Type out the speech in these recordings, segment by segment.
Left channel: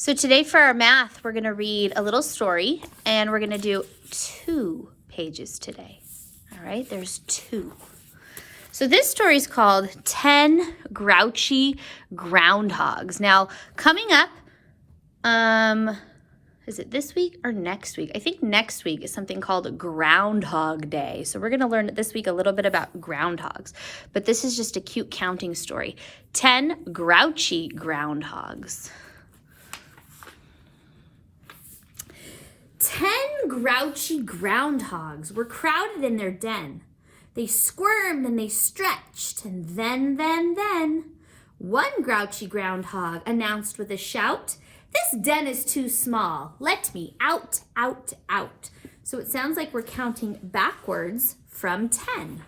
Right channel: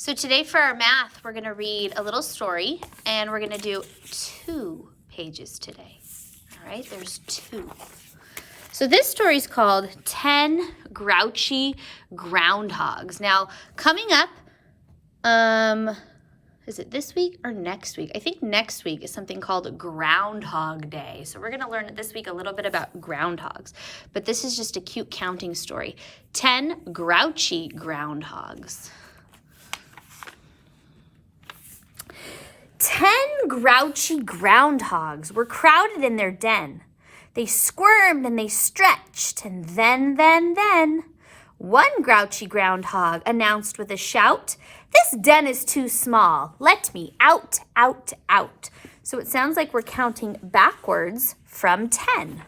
So today for our math, we're going to read a little story, and we're going to do 2 pages today. All right, there's 2. So this story is called 10 Grouchy Groundhogs. Now, coming up, is it this week or next week? I think next week is something called Groundhog Day. So we're going to learn this week a little bit about groundhogs. But this is just a cute counting story. 10 Grouchy Groundhogs. 10 grouchy groundhogs were crowded in their den. They squirmed and they stretched, and then, one grouchy groundhog announced with a shout, "This den is too small. Let me out, out, out." So it sounds like we're counting backwards from 10.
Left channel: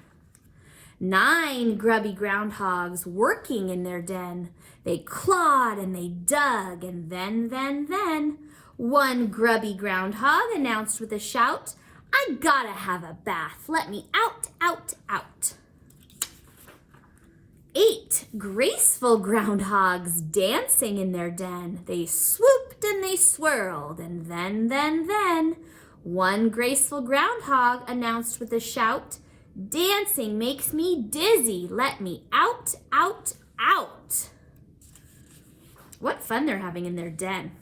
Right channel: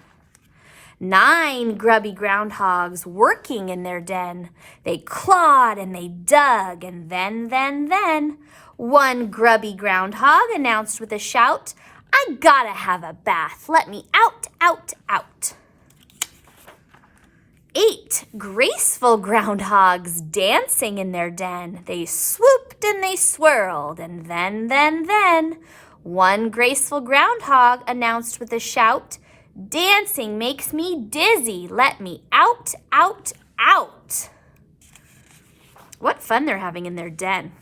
9 grubby groundhogs working in their den. They clawed and they dug, and then, one grubby groundhog announced with a shout, "I gotta have a bath. Let me out, out, out." 8 graceful groundhogs dancing in their den. They swooped and they swirled, and then, one graceful groundhog announced with a shout, "Dancing makes me dizzy. Let me out, out, out." What fun they're having in their den.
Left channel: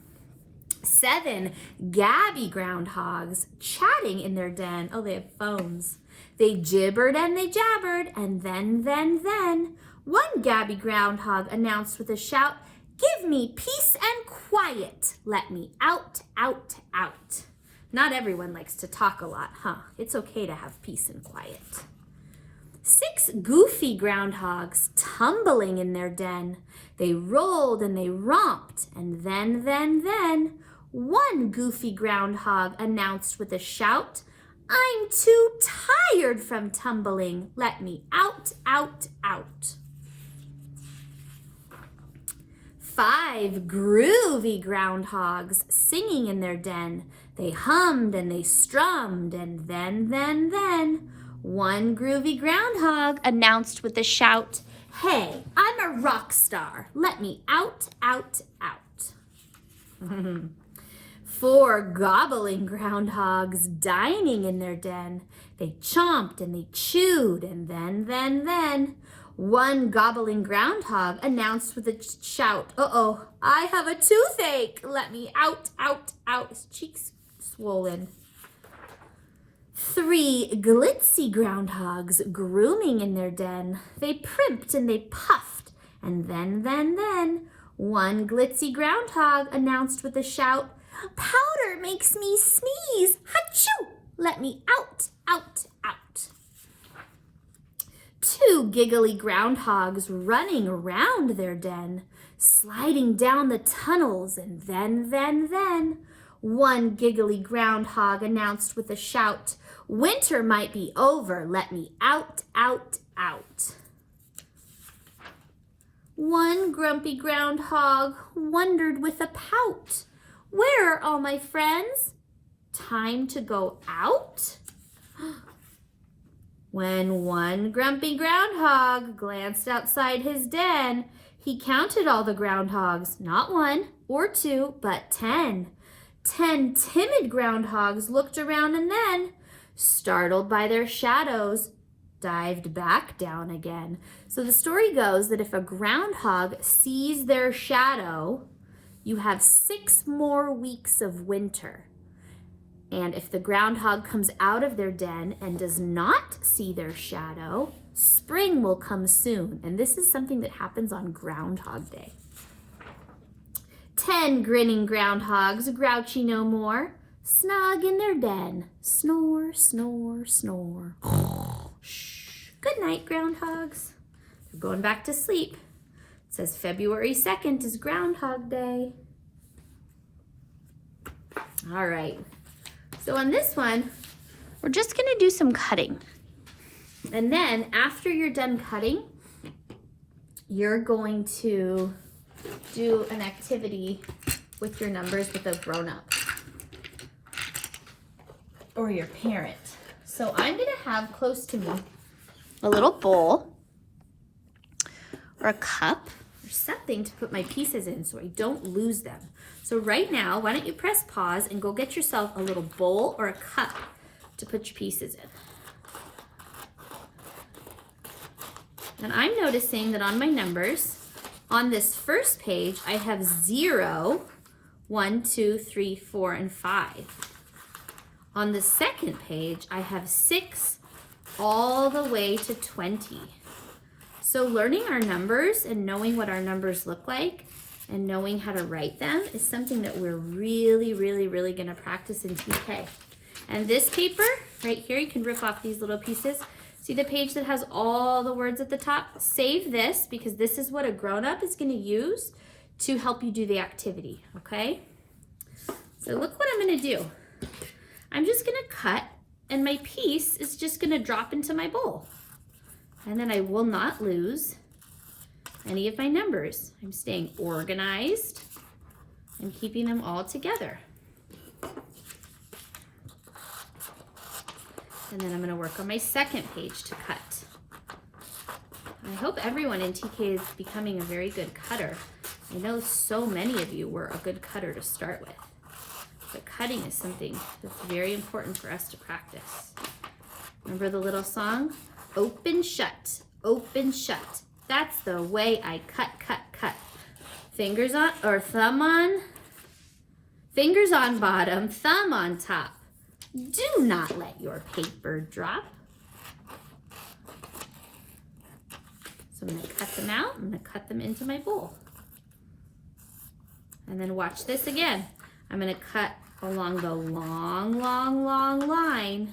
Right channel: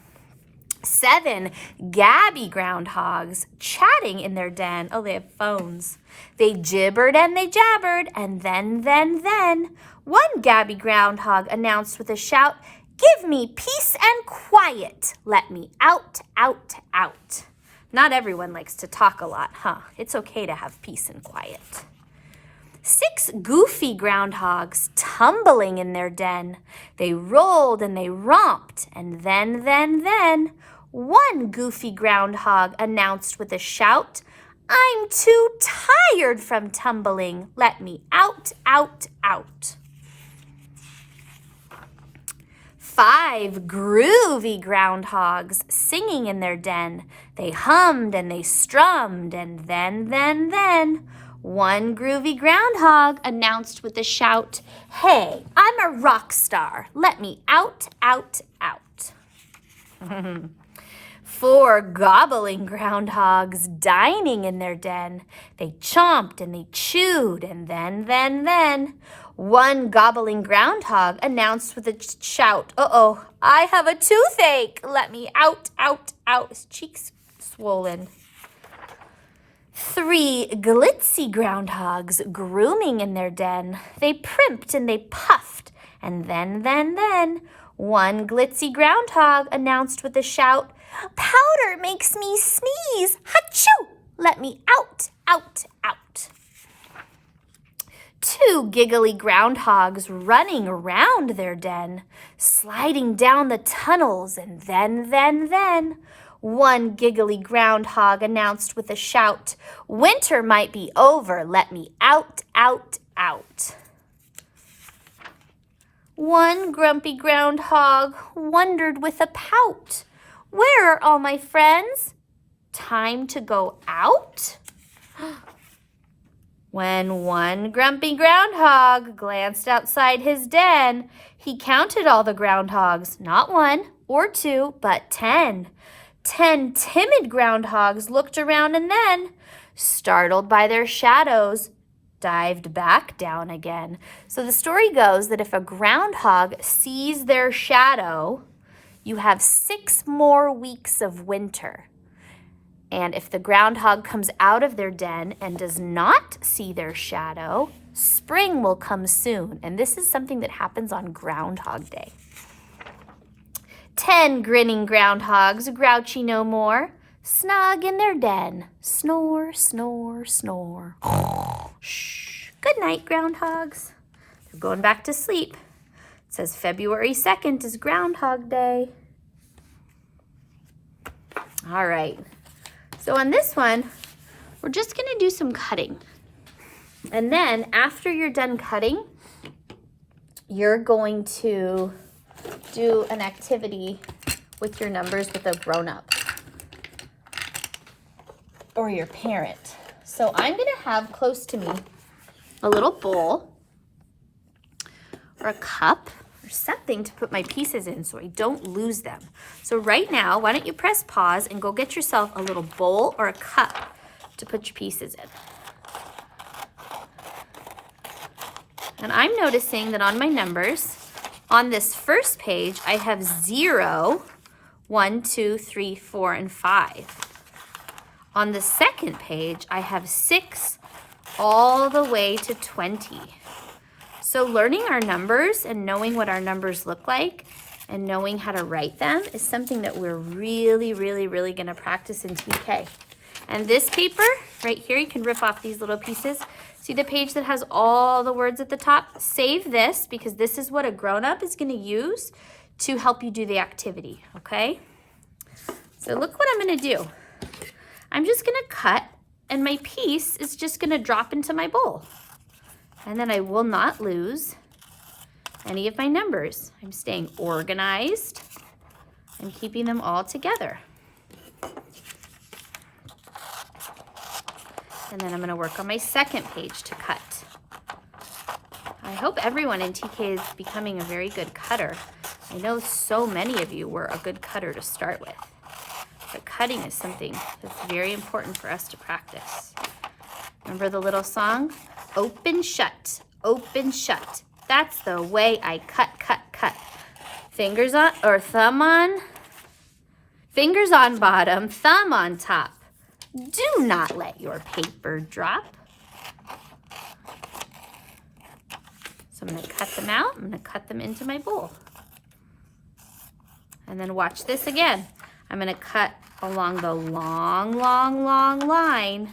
7 gabby groundhogs chatting in their den. Oh, they have phones. They gibbered and they jabbered, and then, one gabby groundhog announced with a shout, "Give me peace and quiet. Let me out, out, out." Not everyone likes to talk a lot, huh? It's okay to have peace and quiet. 6 goofy groundhogs tumbling in their den. They rolled and they romped, and then, one goofy groundhog announced with a shout, "I'm too tired from tumbling. Let me out, out, out." 5 groovy groundhogs singing in their den. They hummed and they strummed, and then, one groovy groundhog announced with a shout, "Hey, I'm a rock star. Let me out, out, out." 4 gobbling groundhogs dining in their den. They chomped and they chewed, and then, one gobbling groundhog announced with a shout, "Uh-oh, I have a toothache. Let me out, out, out." His cheeks swollen. 3 glitzy groundhogs grooming in their den. They primped and they puffed, and then, one glitzy groundhog announced with a shout, "Powder makes me sneeze. Hachoo! Let me out, out, out." 2 giggly groundhogs running around their den, sliding down the tunnels, and then, one giggly groundhog announced with a shout, "Winter might be over. Let me out, out, out." 1 grumpy groundhog wondered with a pout, "Where are all my friends? Time to go out?" When one grumpy groundhog glanced outside his den, he counted all the groundhogs, not 1 or 2, but 10. 10 timid groundhogs looked around and then, startled by their shadows, dived back down again. So the story goes that if a groundhog sees their shadow, you have 6 more weeks of winter. And if the groundhog comes out of their den and does not see their shadow, spring will come soon. And this is something that happens on Groundhog Day. 10 grinning groundhogs, grouchy no more, snug in their den, snore, snore, snore. Shh. Good night, groundhogs. They're going back to sleep. It says February 2nd is Groundhog Day. All right. So on this one, we're just going to do some cutting. And then after you're done cutting, you're going to do an activity with your numbers with a grown-up or your parent. So I'm going to have close to me a little bowl or a cup. or something to put my pieces in so I don't lose them. So right now, why don't you press pause and go get yourself a little bowl or a cup to put your pieces in. And I'm noticing that on my numbers, on this first page, I have 0, 1, 2, 3, 4, and 5. On the second page, I have 6 all the way to 20. So learning our numbers and knowing what our numbers look like and knowing how to write them is something that we're really going to practice in TK. And this paper right here, you can rip off these little pieces. See the page that has all the words at the top? Save this because this is what a grown-up is going to use to help you do the activity, okay? So look what I'm going to do. I'm just going to cut, and my piece is just going to drop into my bowl. And then I will not lose any of my numbers. I'm staying organized and keeping them all together. And then I'm going to work on my second page to cut. I hope everyone in TK is becoming a very good cutter. I know so many of you were a good cutter to start with. But cutting is something that's very important for us to practice. Remember the little song? Open, shut, open, shut. That's the way I cut, cut, cut. Fingers on, or thumb on, fingers on bottom, thumb on top. Do not let your paper drop. So I'm going to cut them out. I'm going to cut them into my bowl. And then watch this again. I'm going to cut along the long line.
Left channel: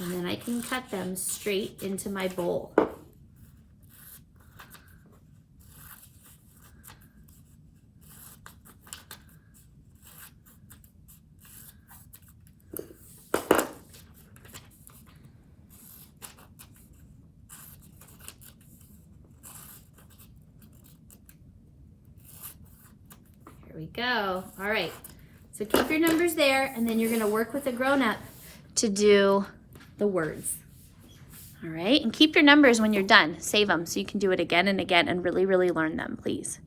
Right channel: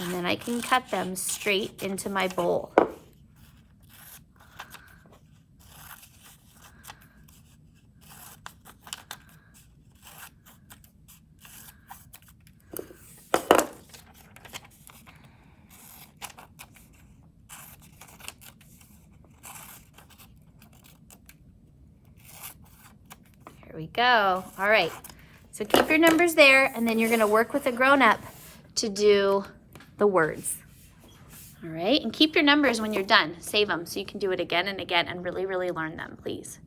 And then I can cut them straight into my bowl. Here we go. All right. So keep your numbers there, and then you're going to work with a grown-up to do the words. All right, and keep your numbers when you're done. Save them so you can do it again and again and really learn them, please.